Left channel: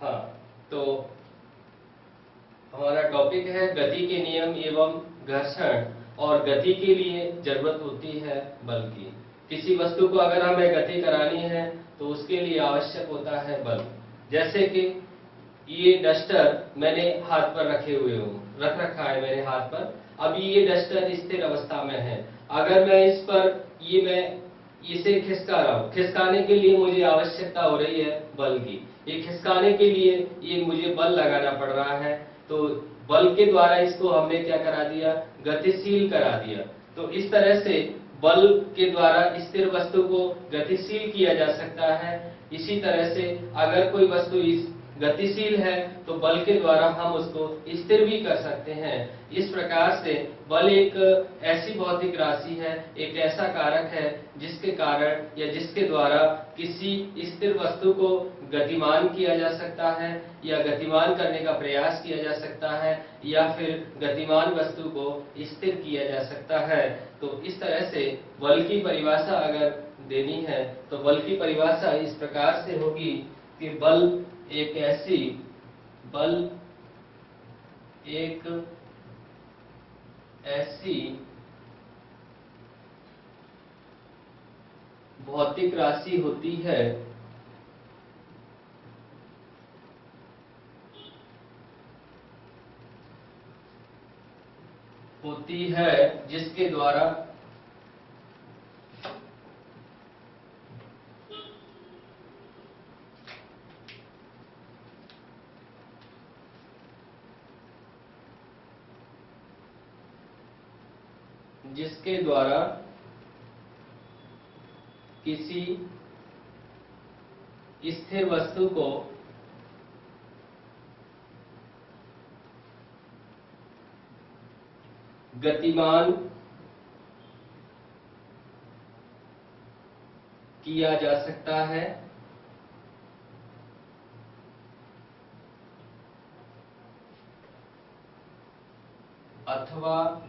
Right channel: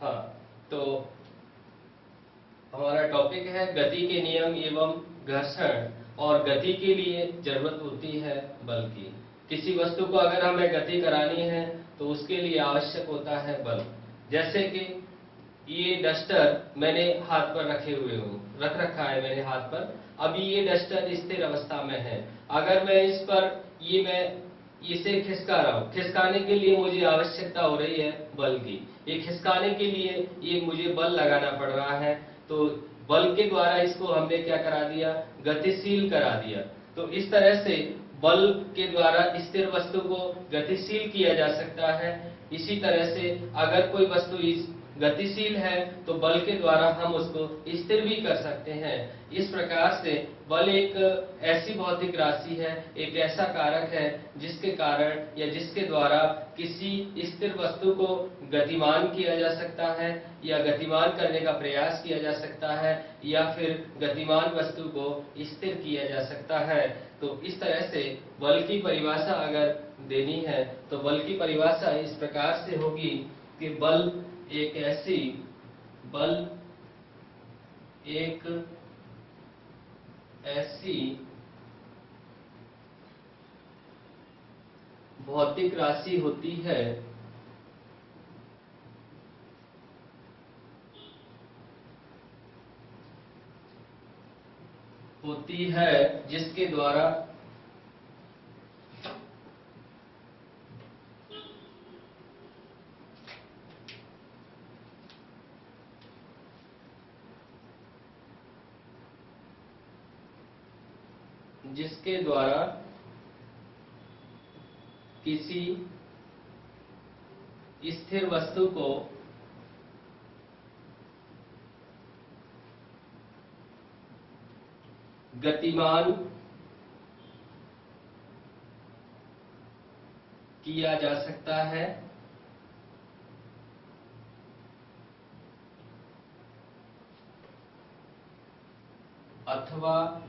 हाँ, तो हमारा टॉपिक है गति के नियम एवं घर्षण। और गति के लिए जरूरत होती है बल की। किसी वस्तु को अगर हमें गति करानी है तो उसके लिए आवश्यक होता है बल। जैसे कि ये डस्टर मैंने हाथ पर रख रखा है मेरे हाथ पर। अभी ये डस्टर स्थिर अवस्था में है। अगर मैं इस पर मैं इसे खिसका रहा हूँ, खिसकाने के लिए मुझे आवश्यकता हो रही है बल की। ये खिसकाने के लिए ये मुझे बल लगाना पड़ रहा है। तो बल के द्वारा इसको हमने क्या करा दिया, गतिशील करा दिया। तो इस तरह से बल के द्वारा स्थिर वस्तु को गतिशील किया जा सकता है। इसी तरह से अगर कोई वस्तु इस गतिशील है तो बल के द्वारा हम उसको स्थिर भी कर सकते हैं। इस प्रकार से बल एक ऐसी भौतिक राशि है, एक ऐसा कारक है जिसके कारण या जिसके द्वारा किसी स्थिर वस्तु को गतिमान किया जा सकता है या गतिमान करने का प्रयास किया जा सकता है या फिर गतिमान वस्तु को स्थिर किया जा सकता है। तो इस तरह से बल की परिभाषा अगर देनी है तो बल की परिभाषा इस प्रकार से होगी कि बल एक ऐसी भौतिक राशि होती है जिसके द्वारा किसी स्थिर वस्तु को गतिमान किया जा सकता है अथवा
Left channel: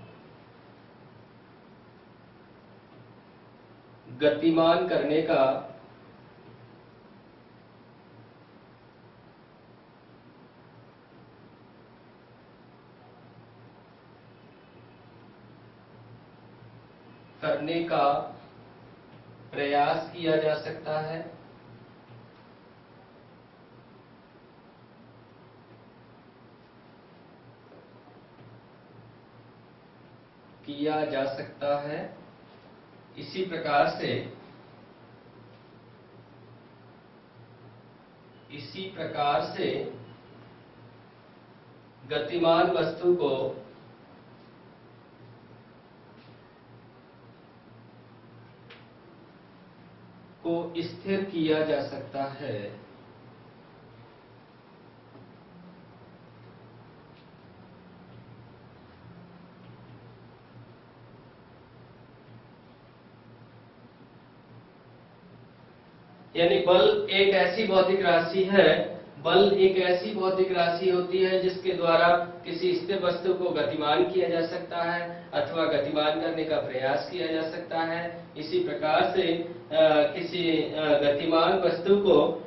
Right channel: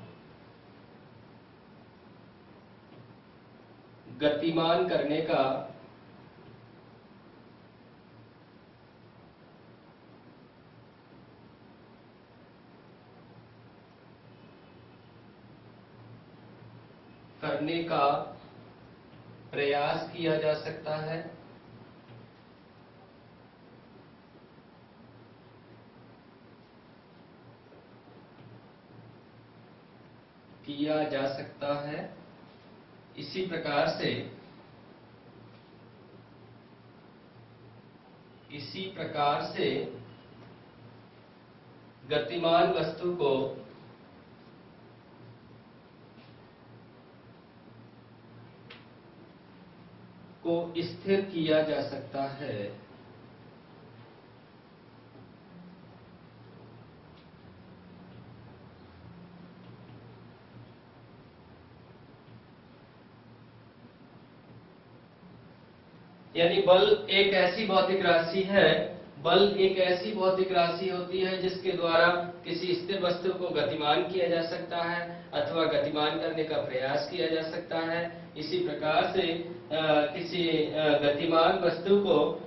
गतिमान करने का प्रयास किया जा सकता है। इसी प्रकार से गतिमान वस्तु को स्थिर किया जा सकता है। यानी बल एक ऐसी भौतिक राशि होती है जिसके द्वारा किसी स्थिर वस्तु को गतिमान किया जा सकता है अथवा गतिमान करने का प्रयास किया जा सकता है। इसी प्रकार से किसी गतिमान वस्तु को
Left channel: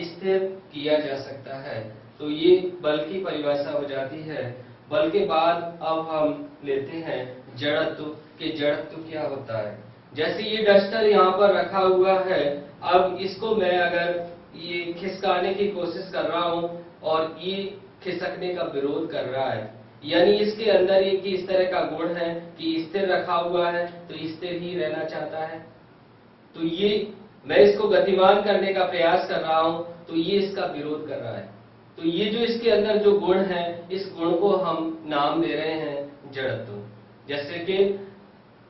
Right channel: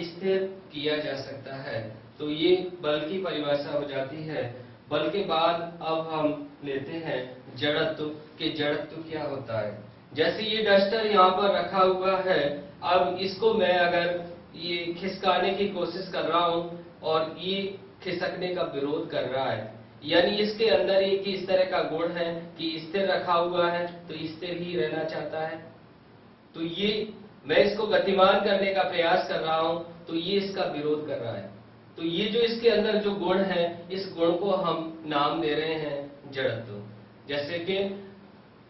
स्थिर किया जा सकता है। तो ये बल की परिभाषा हो जाती है। बल के बाद अब हम लेते हैं जड़त्व कि जड़त्व क्या होता है। जैसे ये डस्टर यहाँ पर रखा हुआ है, अब इसको मैं अगर ये खिसकाने की कोशिश कर रहा हूँ और ये खिसकने का विरोध कर रहा है, यानी इसके अंदर एक इस तरह का गुण है कि स्थिर रखा हुआ है तो स्थिर ही रहना चाहता है। तो ये मैं इसको गतिमान करने का प्रयास कर रहा हूँ तो ये इसका विरोध कर रहा है। तो ये जो इसके अंदर जो गुण है, इस गुण को हम नाम दे रहे हैं जड़त्व। जैसे कि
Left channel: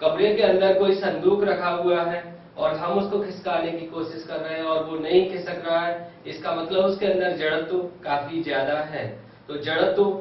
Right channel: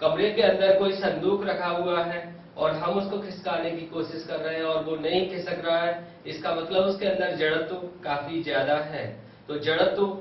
कमरे के अंदर कोई संदूक रखा हुआ है और हम उसको खिसकाने की कोशिश कर रहे हैं और वो नहीं खिसक रहा है, इसका मतलब उसके अंदर जड़त्व काफी ज्यादा है। तो जड़त्व